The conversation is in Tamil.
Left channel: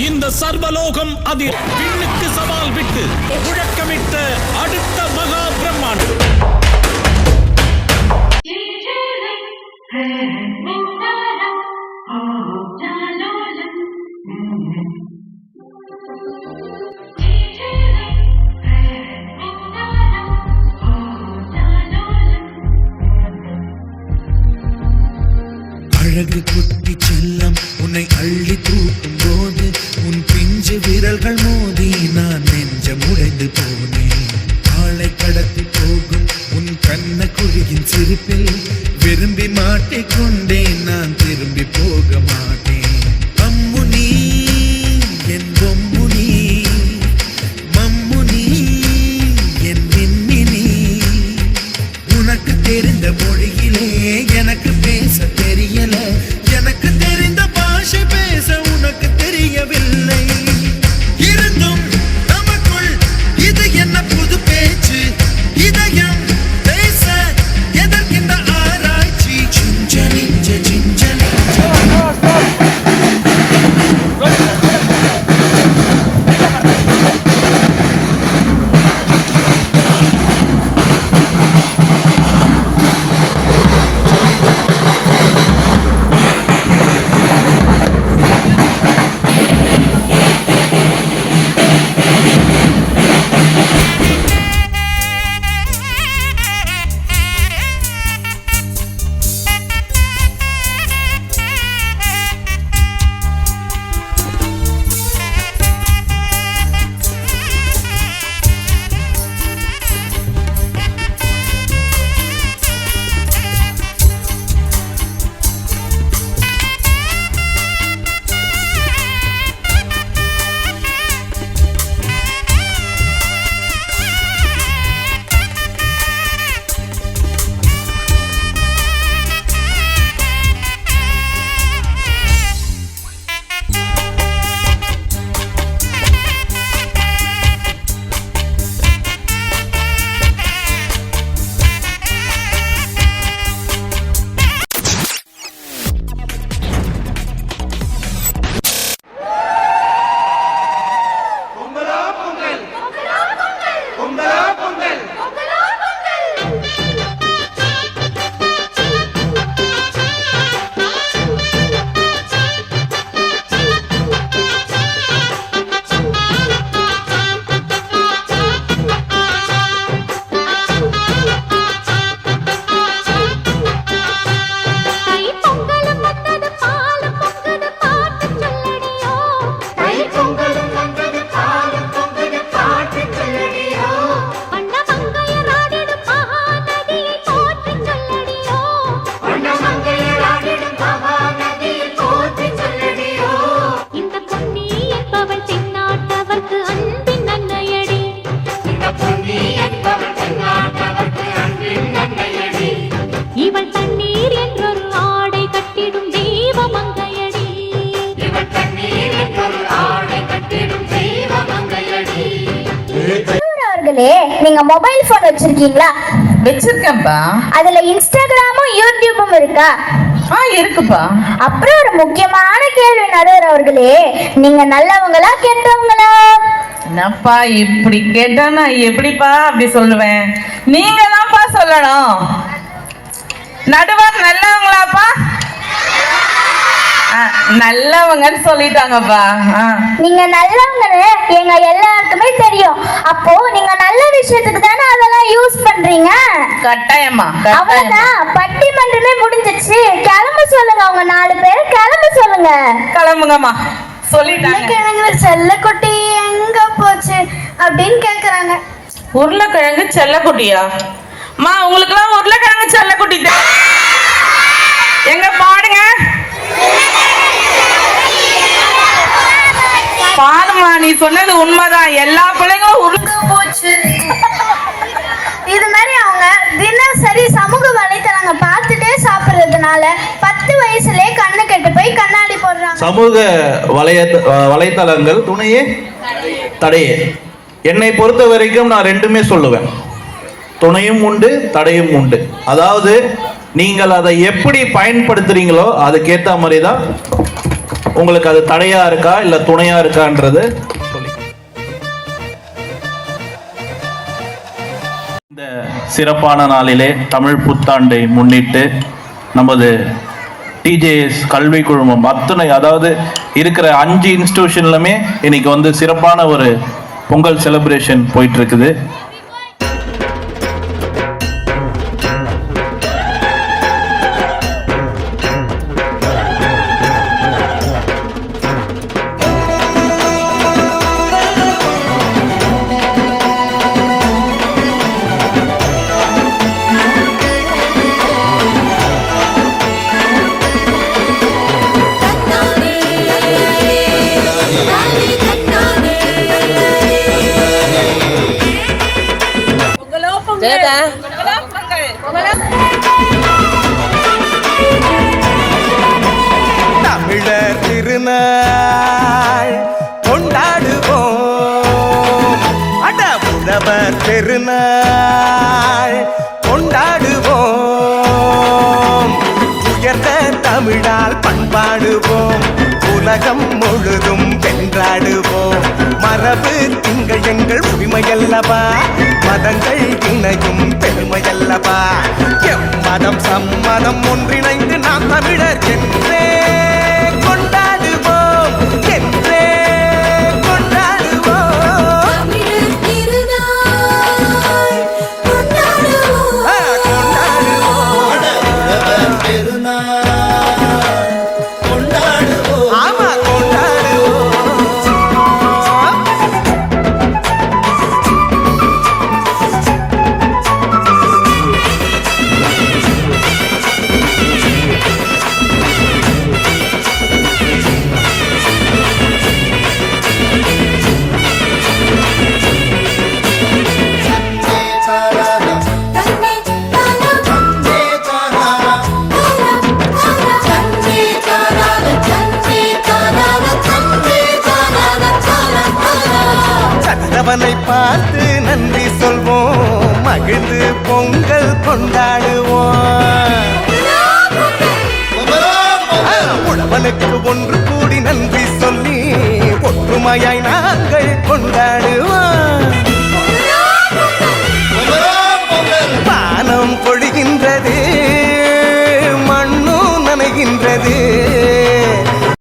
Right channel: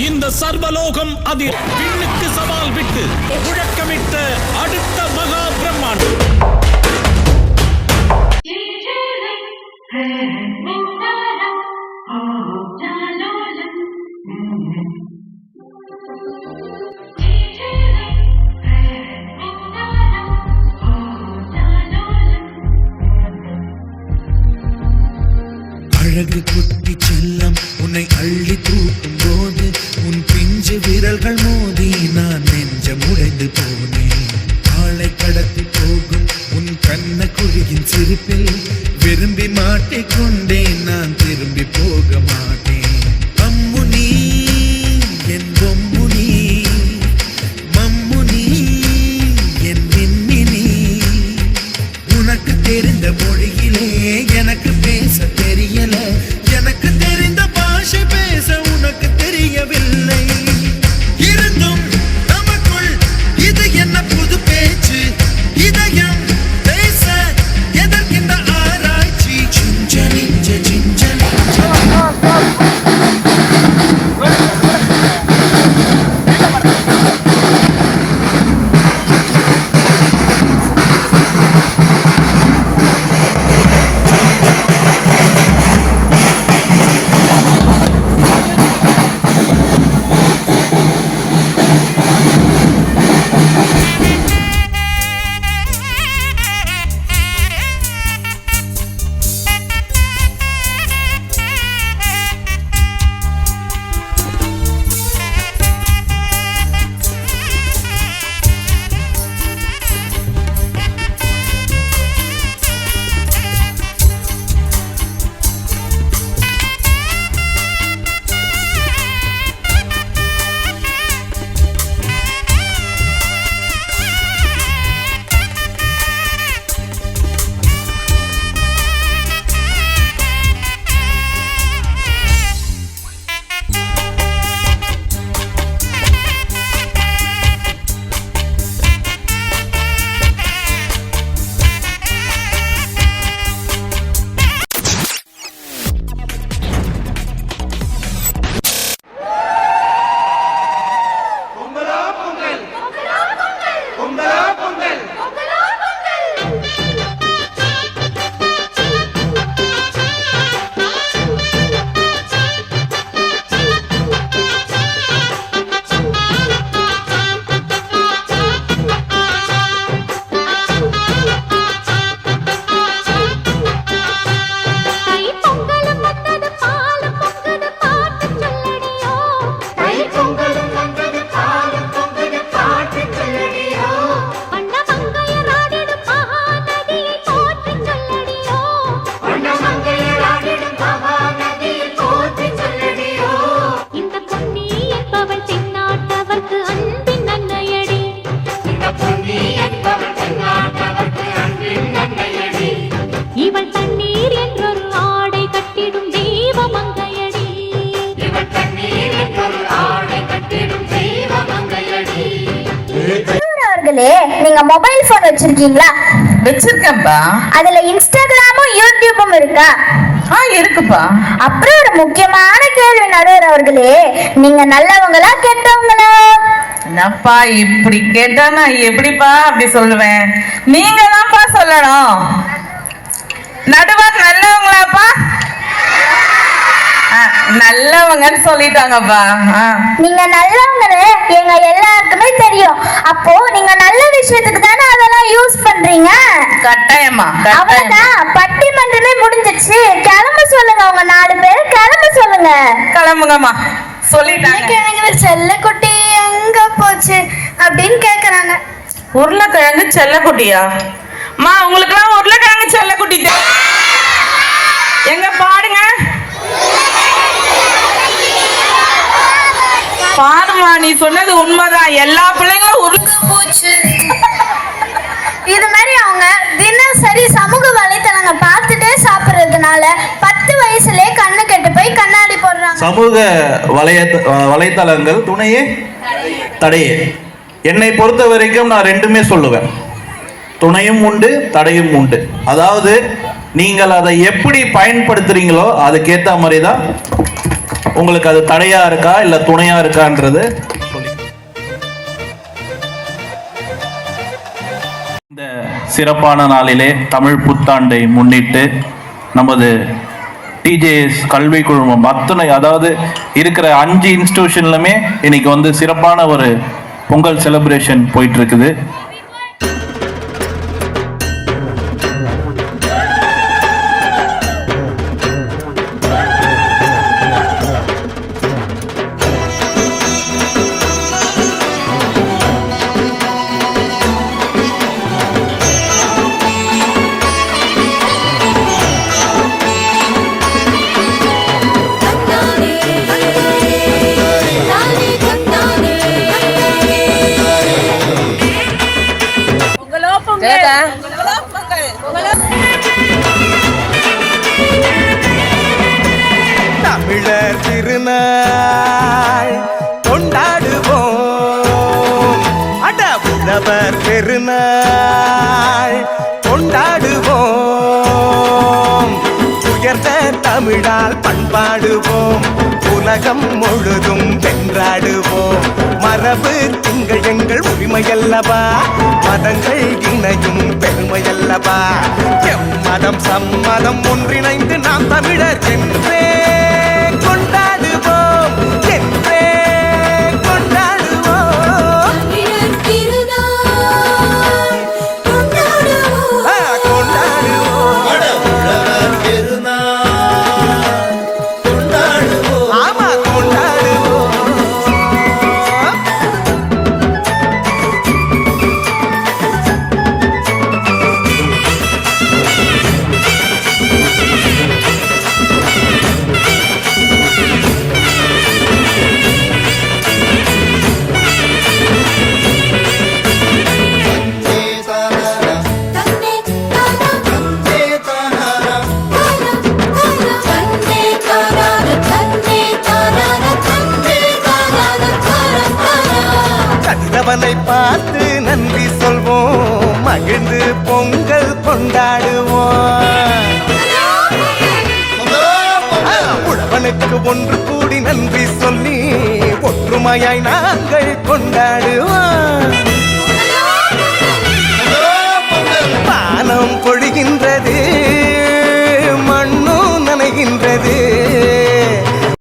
இந்த சர்வலோகம் அதில் விண்ணுக்கு சவால் விட்டு முழக்கமிட்ட அடுத்த மகா பிரம்மாண்டம். அழகு குட்டி செல்லம் உன்னை அள்ளி தூக்கும் போது உன் பிஞ்சு விரல்கள் மோதி நான் நெஞ்சம் உடைந்து போனேன். ஆளை கடத்தி போகும் உன் கண்ண குழியின் சிரிப்பில் விரும்பி மாட்டிக்கொண்டேன். நான் திரும்பி போக மாட்டேன். அம்மு நீ என் பொம்மு நீ, மம்மு நீ என் மின்னி நீ. உனக்கு தெரிந்த மொழியிலே எனக்கு பேச தெரியல, எனக்கு தெரிந்த பாஷை பேச உனக்கு தெரியவில்லை. இருந்தும் நமக்குள் இது என்ன புது பேச்சு, இதயம் பேச எதற்கின்ற ஆராய்ச்சி. சிஞ்சலிஞ்ச சிஞ்சலிஞ்ச நீங்க மொபைல் போன் வச்சிருக்கீங்களா? வச்சிருக்கேன்ப்பா. அதுல இன்ஸ்டாகிராமும் யூடியூபும் இருக்கா? இருக்குப்பா. அப்புறம் ஒரு முக்கியமான கேள்வி நடுவர் அவர்களே, நீங்க நல்லவங்களா கெட்டவங்களா? என்னப்பா இப்படி கேட்டா நான் எப்படிப்பா அப்படி சொல்லுவேன்? நீங்க தான்ப்பா சொல்லணும். நடுவர் நல்லவங்களாப்பா? நல்லவங்கன்னு சொல்லிட்டாங்கப்பா. நீங்க நல்லவங்கன்னு எங்க எல்லாருக்குமே தெரியும். அப்போ நீங்க நல்ல விஷயத்துக்கு தானே அதெல்லாம் யூஸ் பண்றீங்க. கட்டாயமா அவ்வளவுதான், பட்டிமன்றமே முடிஞ்சிச்சு. கிளம்ப சொல்லுங்க, உங்க 4 பேர் கிளம்ப சொல்லுங்க. கிளம்புங்கம்மா சொல்லிட்டாங்க. செல்லக்குட்டி எங்க போச்சு அப்படின்னு கேக்குறாங்க. உருளைக்கிழங்கு செல்லக்குட்டியா? மா உங்களுக்கு எல்லாம் உருளைக்கிழங்கு செல்லக்குட்டி எங்க பாடுங்க பாருமா, நீ சொன்னது உண்மைதான். எல்லா பிள்ளைங்களும் உருளை போச்சு. இது மாதிரி அவங்க தினசரி சமூக வலைத்தளங்க பார்த்துட்டே சாப்பிடுறதுனால 10 வயசுலயே கண்ணு கெட்டு போய் கண்ணாடி போடுறாங்க. சமூக வலைத்தளங்கள் துணையே தடையே. என்னை பொறுத்த வரைக்கும் நான் ரெண்டுமே சொல்லுவேன். துணையும் உண்டு, தடையும் உண்டு. அதாவது நீங்கள் அதை எப்படி பயன்படுத்துறீங்களோ அதுக்கேற்ற மாதிரி தான் உங்களுக்கு அது தடையா இருக்கா இல்ல துணையா இருக்கான்றது இந்த சிறப்பான நாளிலே தமிழ் புத்தாண்டை முன்னிட்டு நமது டிஜேஎஸ் கல்வி குழுமம் அத்தனை, அதாவது இருக்கிற 5 இன்ஸ்டிடியூஷன்லுமே இன்னைக்கு வந்து சிறப்பான ஒரு பொங்கல் செலிப்ரேஷன் போயிட்டு இருக்குது. தமிழர் திருநாள் கொண்டாடுவோம், அட உழவர் பெருநாள் கொண்டாடுவோம், உயர்ந்த தமிழால் பண்பாடுவோம், உலகம் முழுதும் வென்றாடுவோம். மரபு திங்கள் எங்கள் உரிமையல்லவா, மதங்கள் இணையும் பெருமையல்லவா. எம்மதம் சம்மதம் ஒன்றிணைந்து நாம் தமிழர் என்றே கொண்டாடுவோம், என்றே கொண்டாடுவோம், கொண்டாடுவோம், ஆமா கொண்டாடுவோம். கதிரவனை பார்த்து நன்றி சொல்வோம், மகிழ்ந்து பொங்கல் கொண்டாடுவோம். உழவனுக்கு ஒன்று கூடி நன்றி சொல்லி ஒற்றுமையாய் நாங்கள் கொண்டாடுவோம். வானம் பொழிகின்றது, மண்ணும் நனைகின்றது,